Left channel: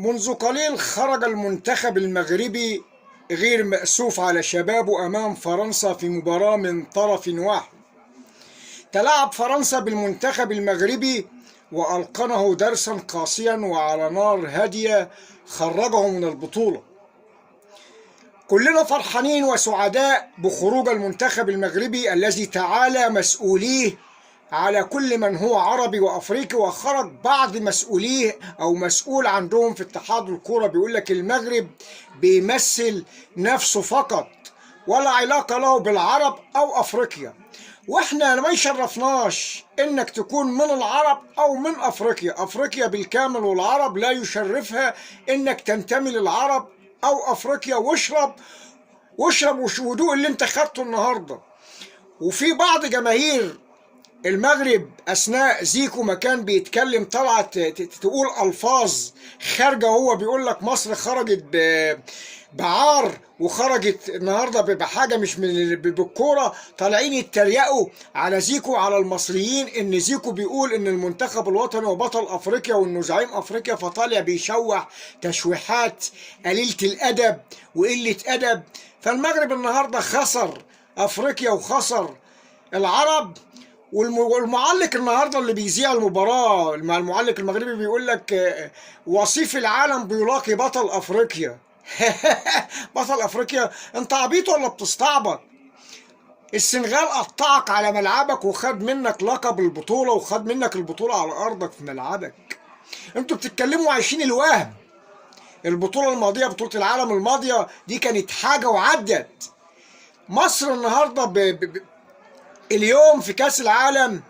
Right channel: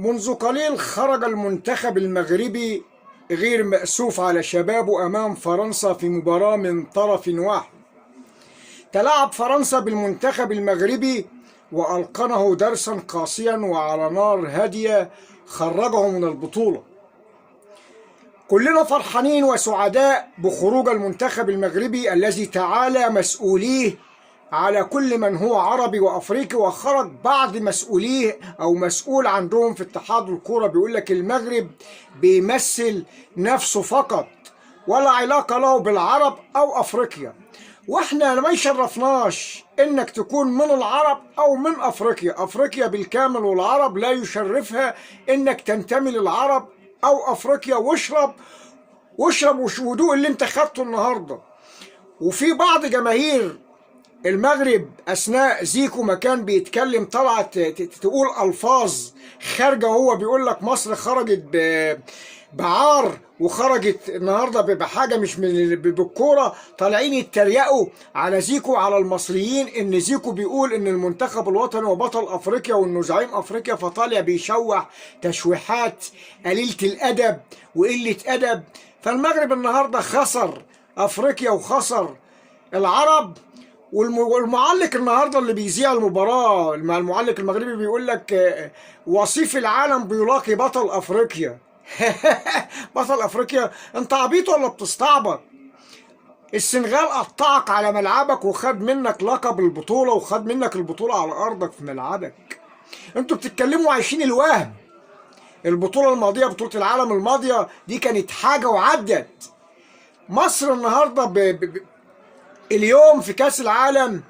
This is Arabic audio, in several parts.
منذ قليل خرج المنتخب المغربي غير مأسوف على شبابه أمام فرنسا في مباراة من طرف واحد. تلاعب فرنسا بالمنتخب المغربي وألقنه درسا قاسيا وعلى نار هادية خرجه من البطولة. كلنا فرحانين وسعداء بخروج المنتخب المغربي الذي تعالى مسؤوليه على كل من هو عربي وافريقي، وخرج بعض مسؤوليه او مسؤول عندهم في اتحاد الكوره بيقول لك المغرب بيمثل نفسه فقط ولا علاقه له بالعرب او افريقيا. واحنا ما يشرفناش انك تكون من العرب او من افريقيا، افريقيا بالكامل والعرب لا يشرفها انك تنتمي للعرب او افريقيا. واشرب ودوق اللي انت خدته النهارده. وفي بعض جماهير المغرب اثناء زيكو ما كان بيتكلم طلعت تقول الفاظ خارجه، هو بيقول لك مصر خرجت بعار وخرجت النهارده بحاجه مش من بالكوره، طالعين يتريقوا على زيكو على المصريين ان زيكو بيقول ان المنتخب الوطني وبطل افريقيا وانه زعيم افريقيا، فطالع بيشوح تشويحات قليله الادب وقله ادب. فالمغرب النهارده خسر افريقيا وخسر العرب. والمعلق النهارده اللي بيذيع المباراه مع المعلق المغربي بيقول لك وصيف العالم بيلاقي بطل افريقيا. بطل افريقيا؟ انت عبيط ولا بتستعبط؟ السنغال قطعك على ملعبك وخد منك لقب البطوله وخد منك البطوله على ارضك في ملعبك. انتوا بتتكلموا عايشين الوهم. البطوله الماضيه بطوله العالم الماضيه دي كانت حاجه وعدت. مصر النهارده اليوم في كاس العالم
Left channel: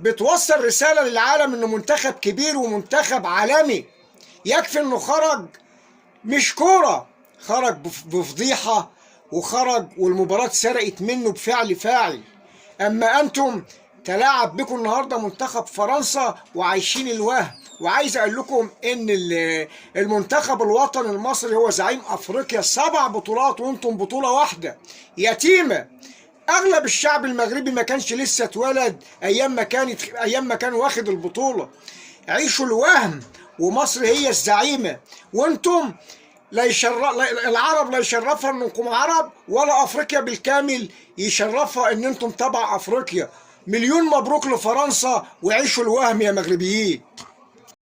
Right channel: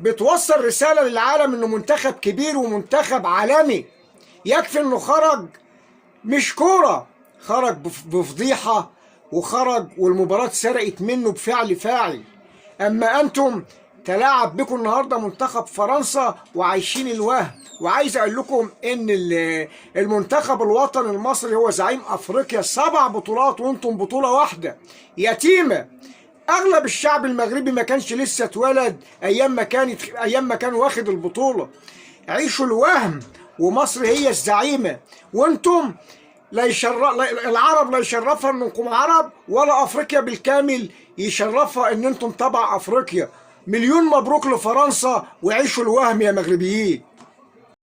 بتوصل رسالة للعالم انه منتخب كبير ومنتخب عالمي. يكفي انه خرج مش كورة، خرج بفضيحة وخرج والمباراة سرقت منه بفعل فاعل. اما انتم تلاعب بكم النهارده منتخب فرنسا وعايشين الوهم. وعايز اقول لكم ان المنتخب الوطني المصري هو زعيم افريقيا 7 بطولات وانتم بطولة واحدة يتيمة. اغلب الشعب المغربي ما كانش لسه اتولد ايام ما كان واخد البطوله. عيشوا الوهم ومصر هي الزعيمه، وانتم العرب لا يشرفها انكم عرب ولا افريقيا بالكامل يشرفها ان انتم تبع افريقيا. مليون مبروك لفرنسا وعيشوا الوهم يا مغربيين.